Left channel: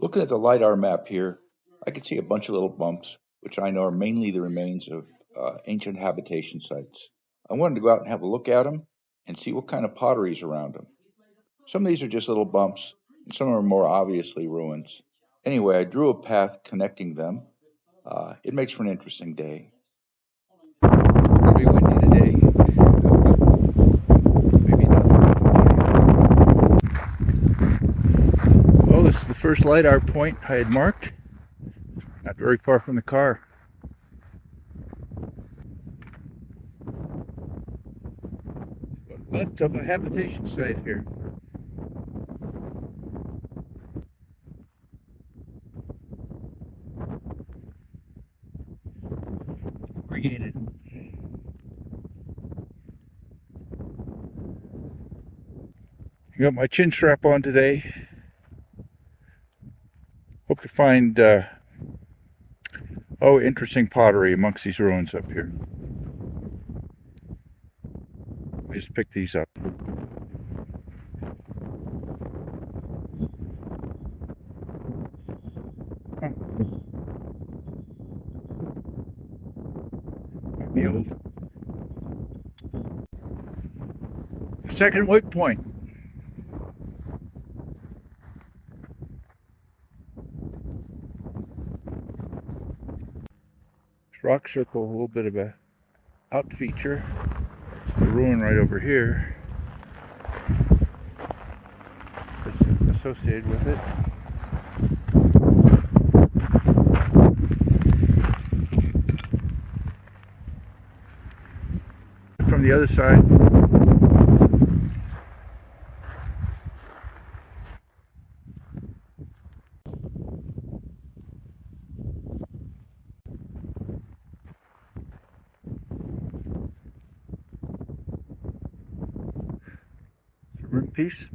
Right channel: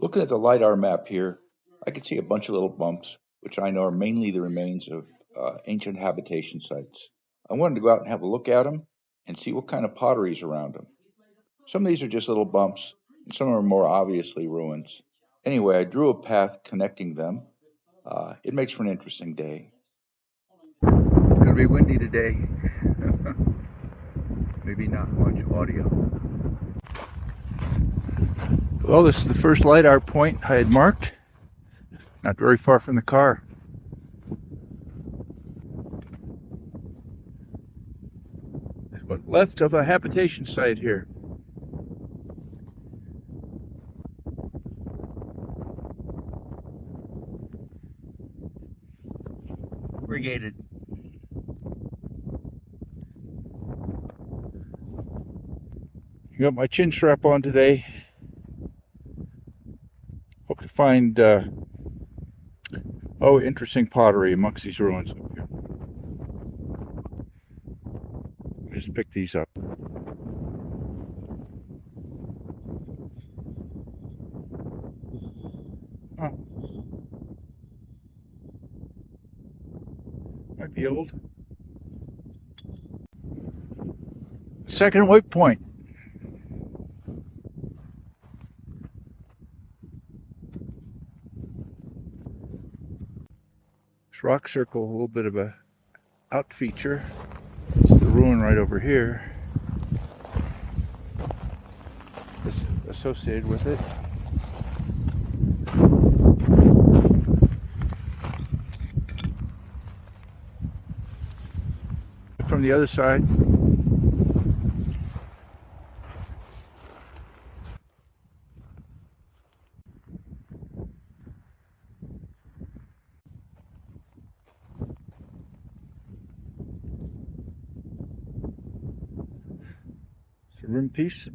Looking at the LiDAR map here, I can see a bunch of little bumps, which I know are mainly the remains of ancient habitation sites. I wanted to go out and have a look at them and see what kind of pottery is around them. Some of these are just little bumps, and some are more obviously ruins. Anyway, I drew a path connecting them. It makes for an interesting day. It's going to be windy today. Maybe not much audio. Well, this is the first LiDAR point I had marked. Not very far from the car. What's left of a habitation site here. Irrigated. I got my chin strap on today. Hope to find interesting pottery amongst these ruins up here. I just picked these up. Huh. Might be old. Second waypoint. This rock circle, a little bit of a out feature. It's the ruin right over here. That's associated with it. From the other side, it's a rim piece.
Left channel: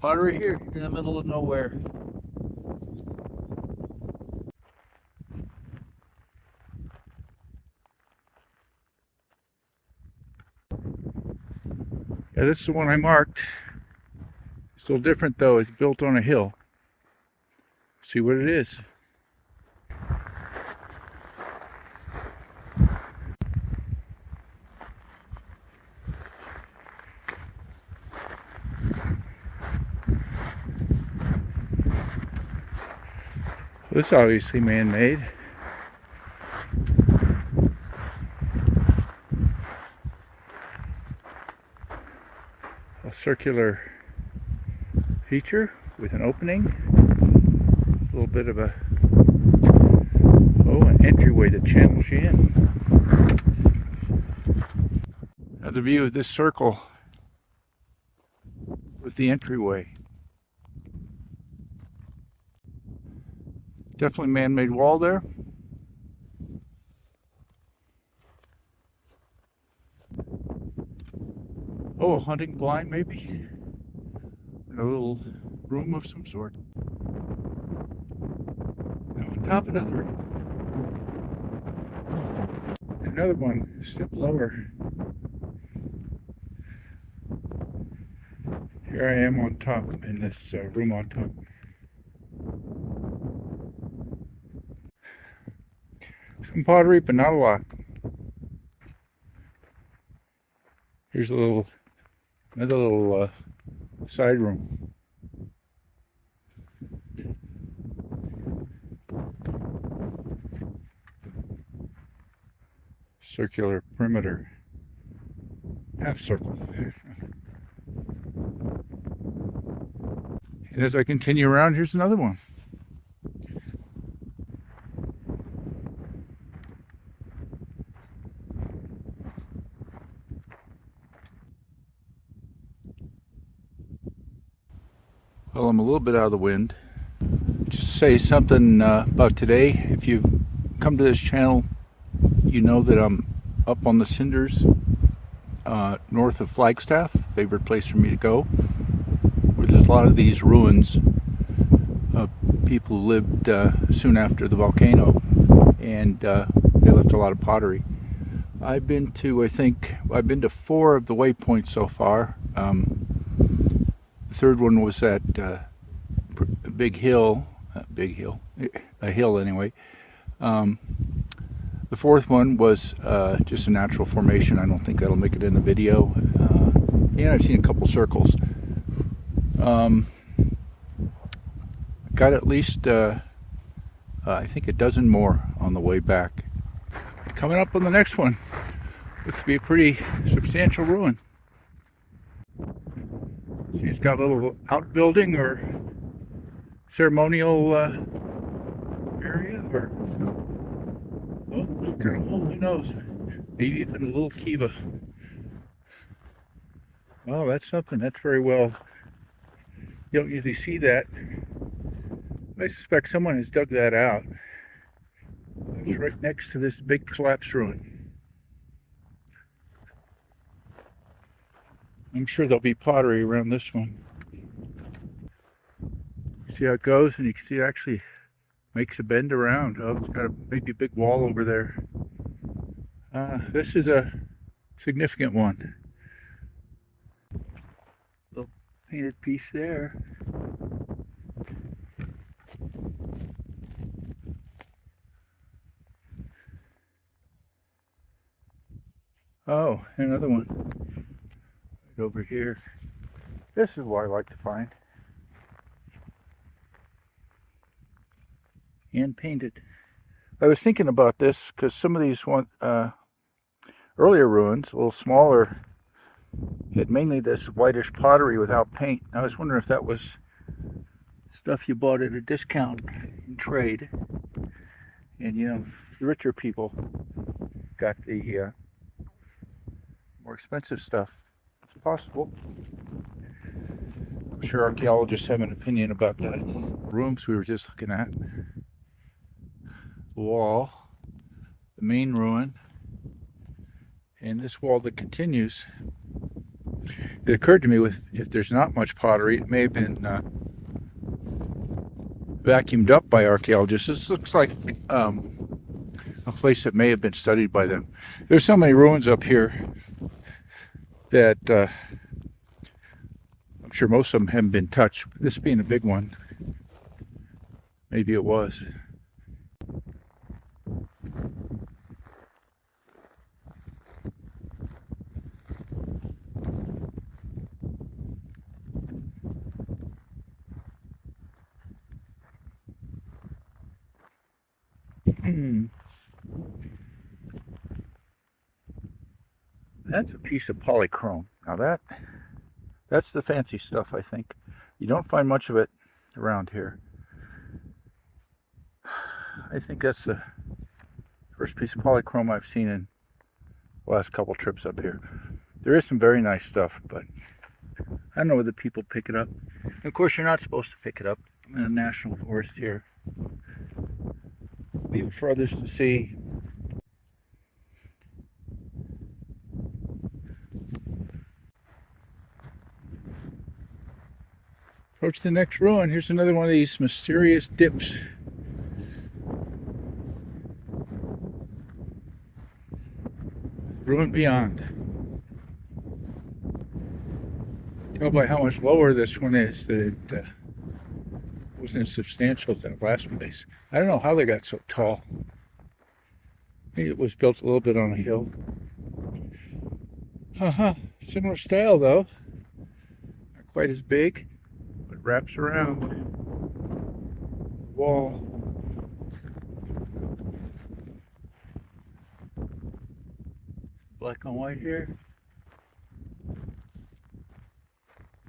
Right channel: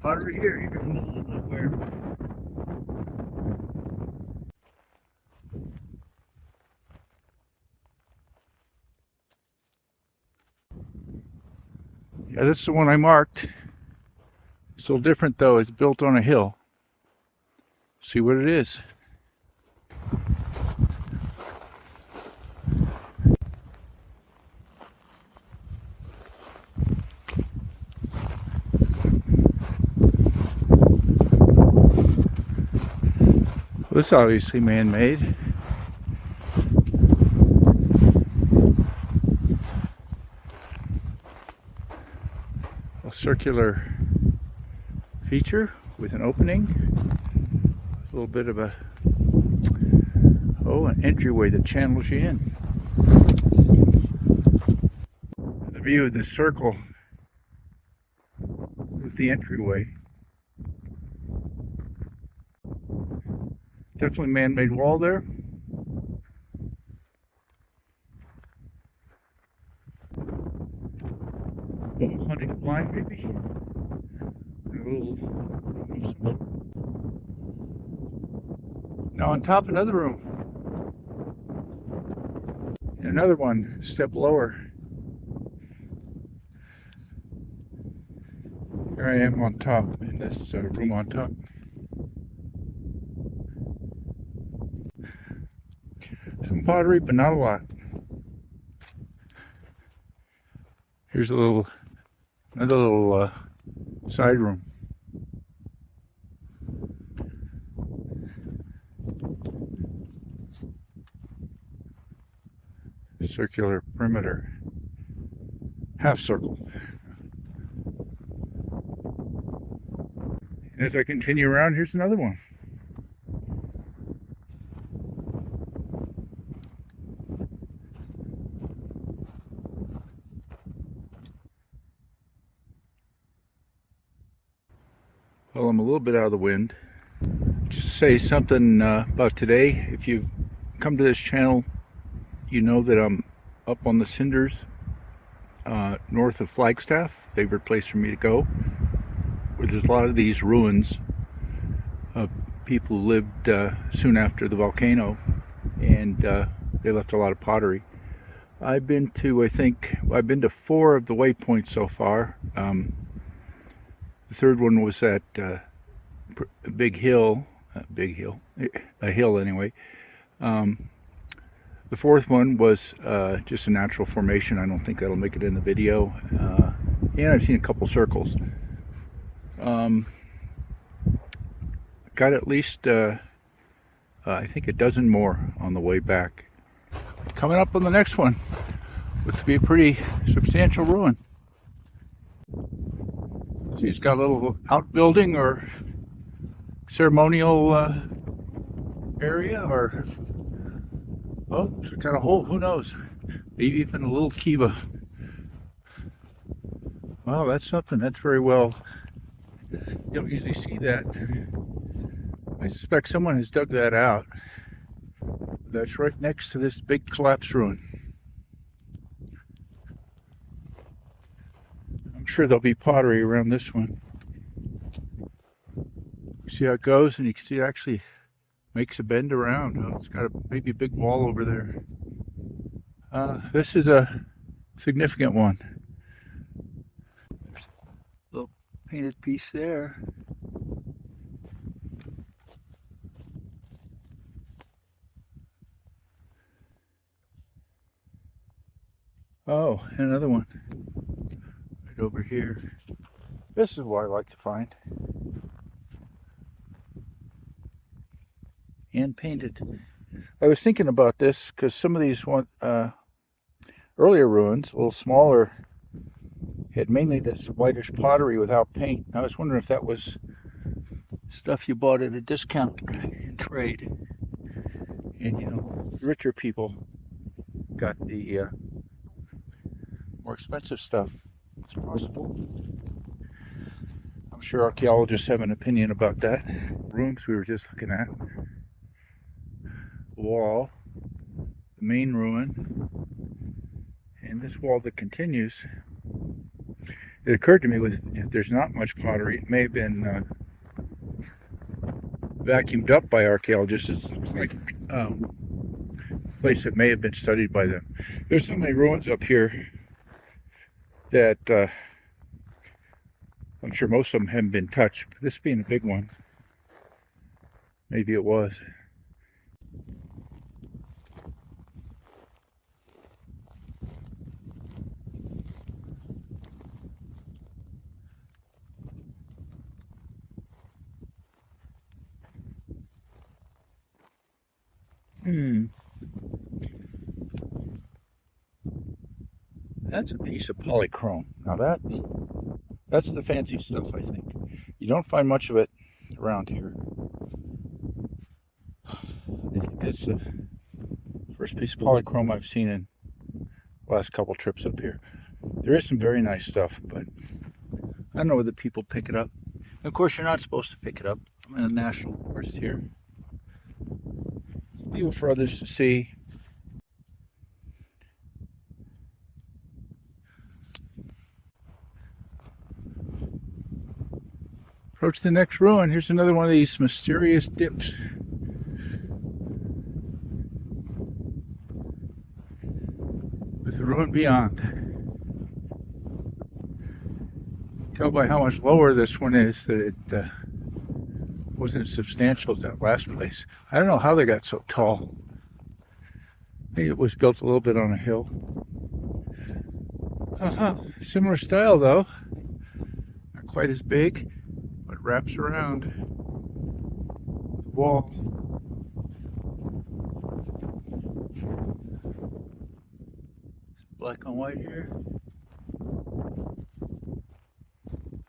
Pottery here in the middle of nowhere. Yeah, this is the one I marked. It's a little different though. It's built on a hill. See what it is. This is obviously man-made. A circular feature with an opening. A little bit of an entryway that channels you in. Another view of this circle with the entryway. Definitely man-made wall there. Oh, a hunting blind maybe? A little room of some sort. Now on top, another room. And another one, a step lower. Here I am on top, in this room on top. Some pottery, but not a lot. Here's another little side room. Circular perimeter, half circle. And as I continue around, here's another one. Well, I'm a little bit out of the wind. Just say something about today. If you've come to this channel, you know that I'm up on the cinders north of Flagstaff, favorite place for me to go, where there's a lot of these ruins of people who lived soon after the volcano, and they left a lot of pottery. I've been to, I've been to 4 of the waypoints so far. The third one was at a hill anyway. The fourth one was just a natural formation. I don't think that'll make it in the video. And I've seen a couple circles. Got at least, I think, a dozen more on the way back. Coming up on the next one, looks to be a pretty substantial ruin. See, it's got a little outbuilding or ceremonial area, or oh, it's got a hole. Who knows? Maybe even a little kiva. Well, that's something. That's very well. You don't usually see that. I suspect someone has dug that out. That's right next to this big collapsed ruin. I'm sure there'll be pottery around this one. See how it goes, and you can see it actually makes a bend around. Oh, it's got maybe a big wall over there. This is a significant one. Little painted piece there. Oh, and another one right over here. This is what I like to find. Hand painted. I was thinking about this because some of these earlier ruins, a little smaller, had mainly this whitish pottery without paint. I was wondering if that was stuff you bought at a discount in trade. And, you know, the richer people got the more expensive stuff. It's possible. I'm sure archaeologists have an opinion about that. Rooms we were just looking at. Wall, the main ruin, and this wall that continues. It occurred to me, if there's not much pottery, it may have been vacuumed up by archaeologists. This looks like a place that may have been studied by them. There's so many ruins up here that I'm sure most of them haven't been touched. This being a big one, maybe it was. That's a piece of polychrome. Now that's the fancy stuff, I think. You don't find much of it around here. I think that's the first piece of polychrome I've seen in the last couple trips up here. There is some very nice stuff, but I don't know whether people pick it up. And of course, you're not supposed to pick it up. I'm in a national forest here. Leave it for others to see. Approach the next ruin. Here's another one of these mysterious dips. With the ruin beyond. Tell by how much lower this one is that it wasn't as substantial as that last place. I don't know how they got so tall. Maybe it was built a little bit on a hill. Similar style though. Not quite as big. Wraps around the wall. Black on white here.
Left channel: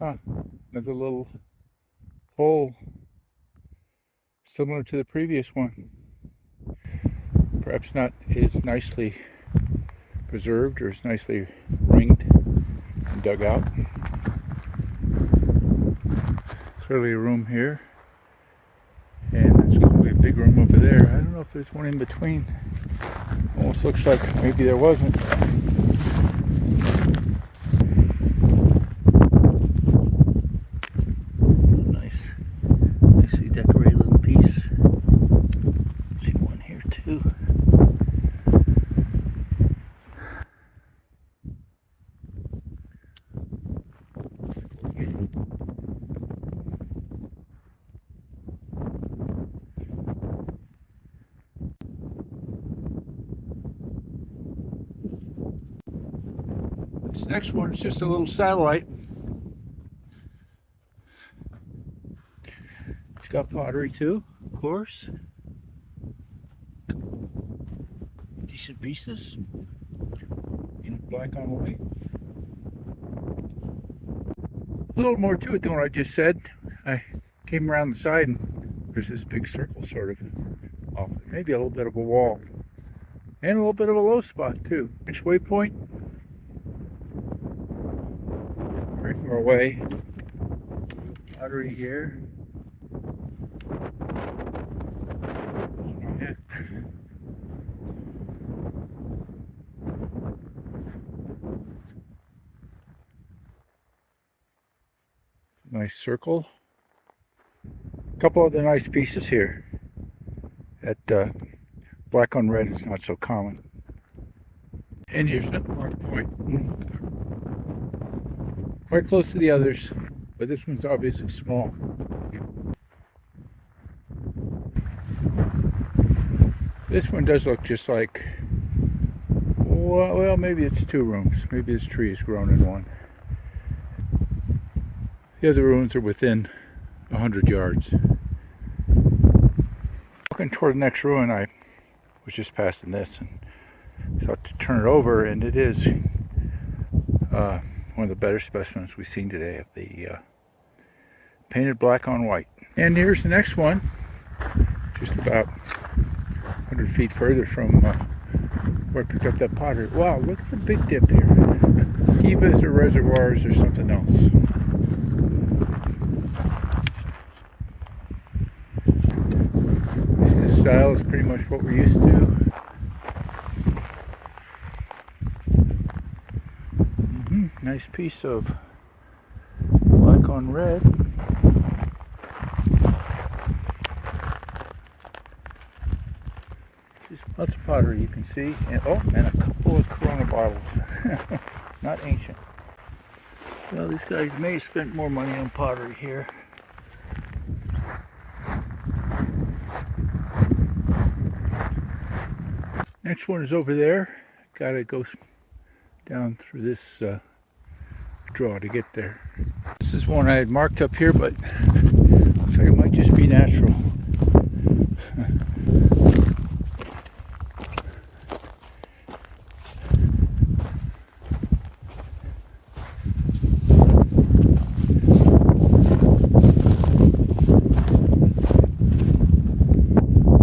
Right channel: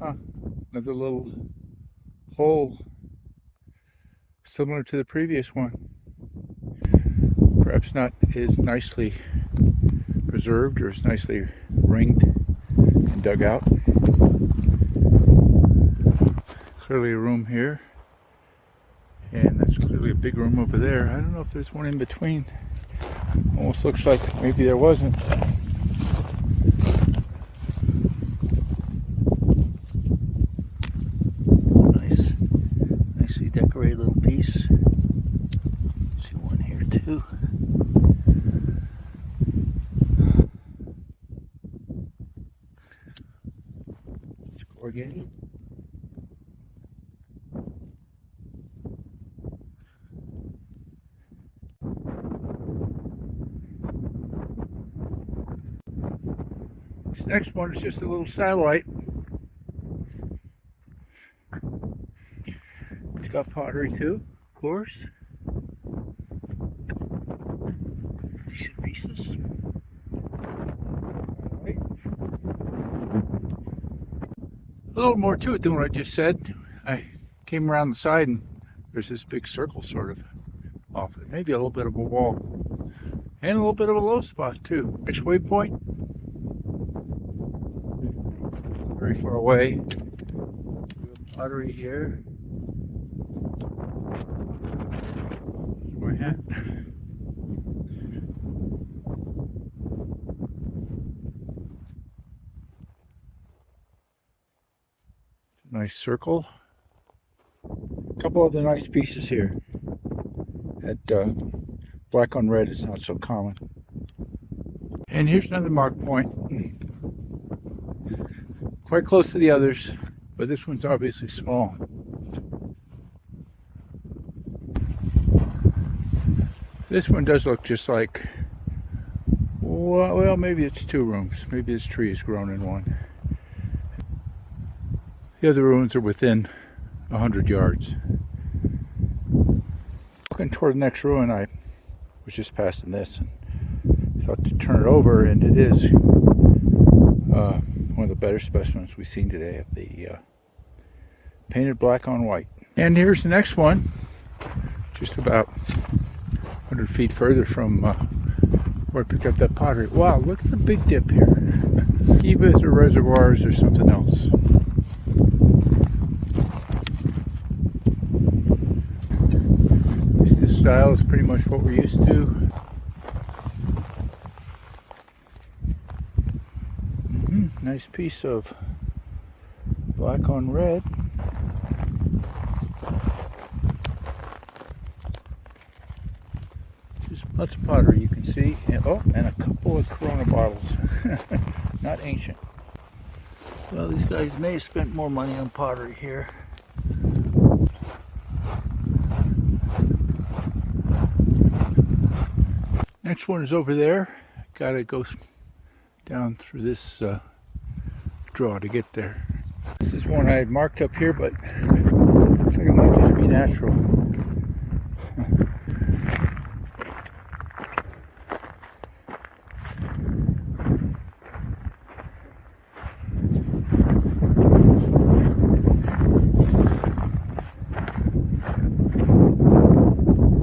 Another little hole similar to the previous one. Perhaps not as nicely preserved or as nicely ringed and dug out. Clearly a room here, and there's clearly a big room over there. I don't know if there's one in between. Almost looks like maybe there wasn't. Nice, nicely decorated little too. Let's go here. This next one is just a little satellite. It's got pottery too, of course. Decent pieces in black on white. A little more to it than what I just said. I came around the side and there's this big circle sort of off it. Maybe a little bit of a wall. And a little bit of a low spot too. Next waypoint. Very far away. Pottery here. My hat. Nice circle. A couple other nice pieces here. That black on red is not so common. And here's another mark point. Quite close to the others, but this one's obviously small. This one does look just like, well, maybe it's 2 rooms. Maybe this tree is grown in one. The other ruins are within 100 yards. Looking toward the next ruin, I was just passing this and thought to turn it over, and it is one of the better specimens we've seen today of the painted black on white. And here's the next one, just about 100 feet further from where I picked up that pottery. Wow, look at the big dip here. Kivas or reservoirs or something else. This style is pretty much what we're used to. Nice piece of black on red. Just lots of pottery you can see. And, oh, and a couple of Corona bottles. Not ancient. Well, these guys may have spent more money on pottery here. Next one is over there. Gotta go down through this draw to get there. This is one I had marked up here, but looks like it might just be natural.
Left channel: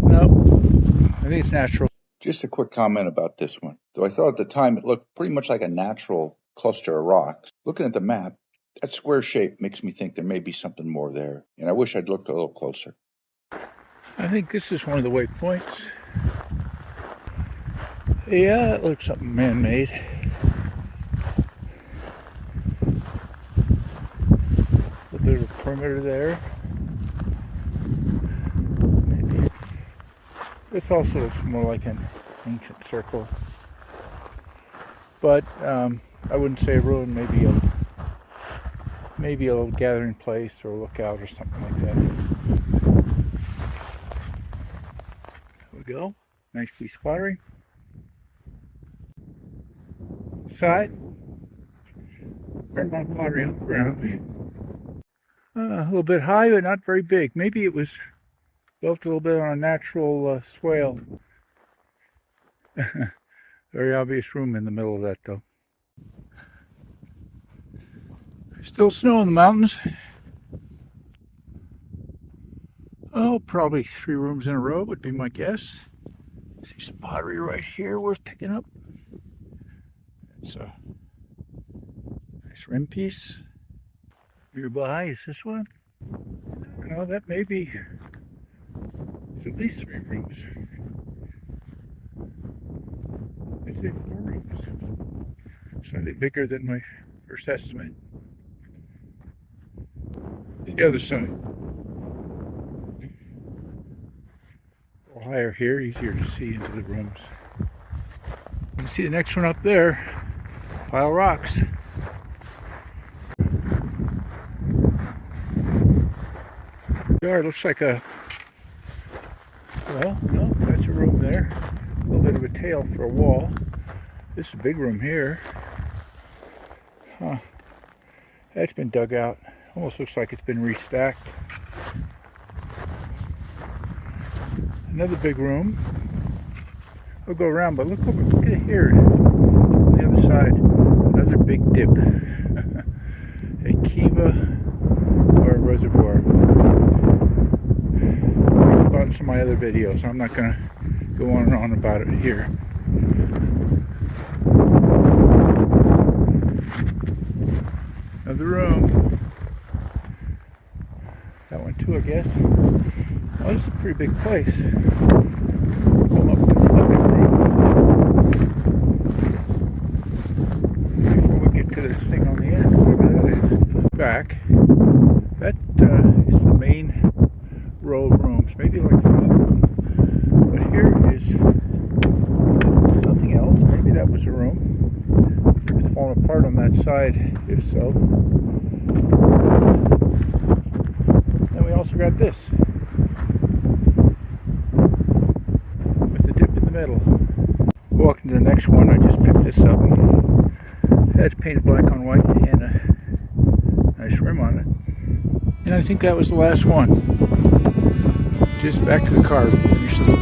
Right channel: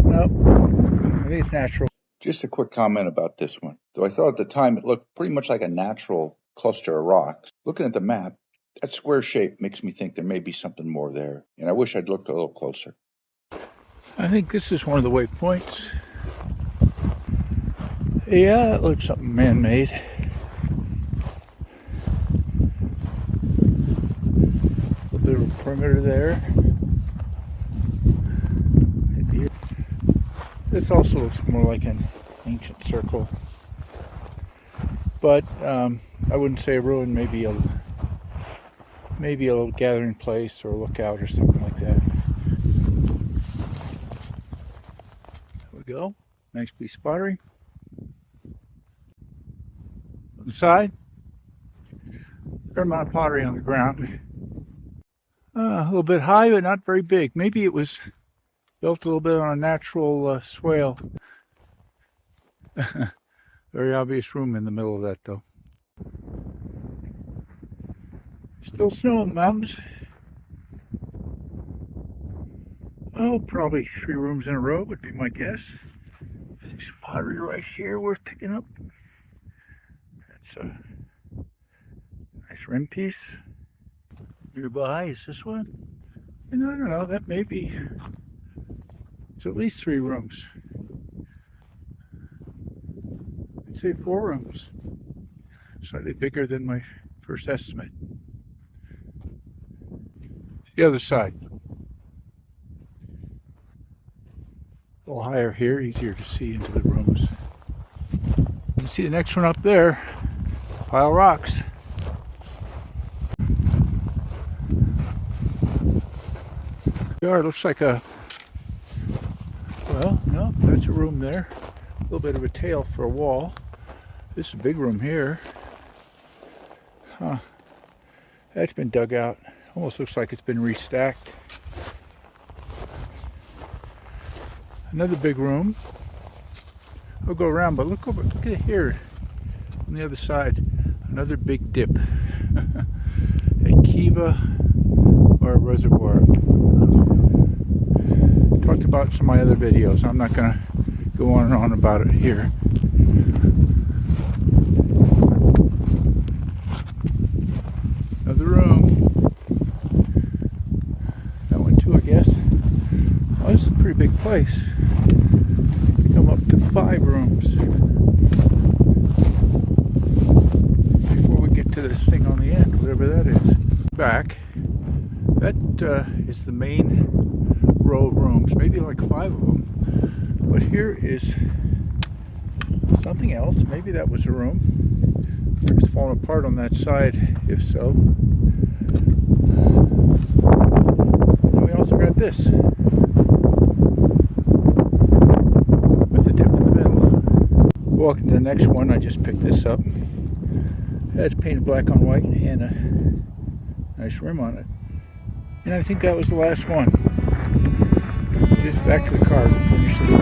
Nope, I think it's natural. Just a quick comment about this one. Though I thought at the time it looked pretty much like a natural cluster of rocks. Looking at the map, that square shape makes me think there may be something more there. And I wish I'd looked a little closer. I think this is one of the waypoints. Yeah, that looks something man-made. A bit of a perimeter there. This also looks more like an ancient circle. But I wouldn't say a ruin, maybe a little gathering place or a lookout or something like that. There we go. Nice piece of pottery. On the side, fair amount of pottery on the ground. A little bit high, but not very big. Maybe it was built a little bit on a natural swale. Very obvious room in the middle of that, though. Still snow in the mountains. Oh, probably 3 rooms in a row would be my guess. I see some pottery right here worth picking up. That's a nice rim piece. Nearby is this one. And I don't know, that may be, it's at least 3 rooms. I'd say 4 rooms. Slightly bigger than my first estimate. The other side. A little higher here, easier to see into the rooms. You can see the next one up there. Pile of rocks. It looks like a, well, no, that's a room there. A little bit of a tail for a wall. This is a big room here. Huh. That's been dug out. Almost looks like it's been restacked. Another big room. We'll go around, but look over, look at here on the other side. Another big dip. A kiva or a reservoir. Talked about some of my other videos. I'm not going to go on and on about it here. Another room. That one too, I guess. Oh, this is a pretty big place. Come up to 5 rooms before we get to this thing on the end, whatever that is. Back. That is the main row of rooms, maybe like 5 of them. But here is something else. Maybe that was a room. It's falling apart on that side, if so. And we also got this. With the dip in the middle. Walking to the next one, I just picked this up. It has painted black on white and a nice rim on it. And I think that was the last one. Just back to the car, finish the loop.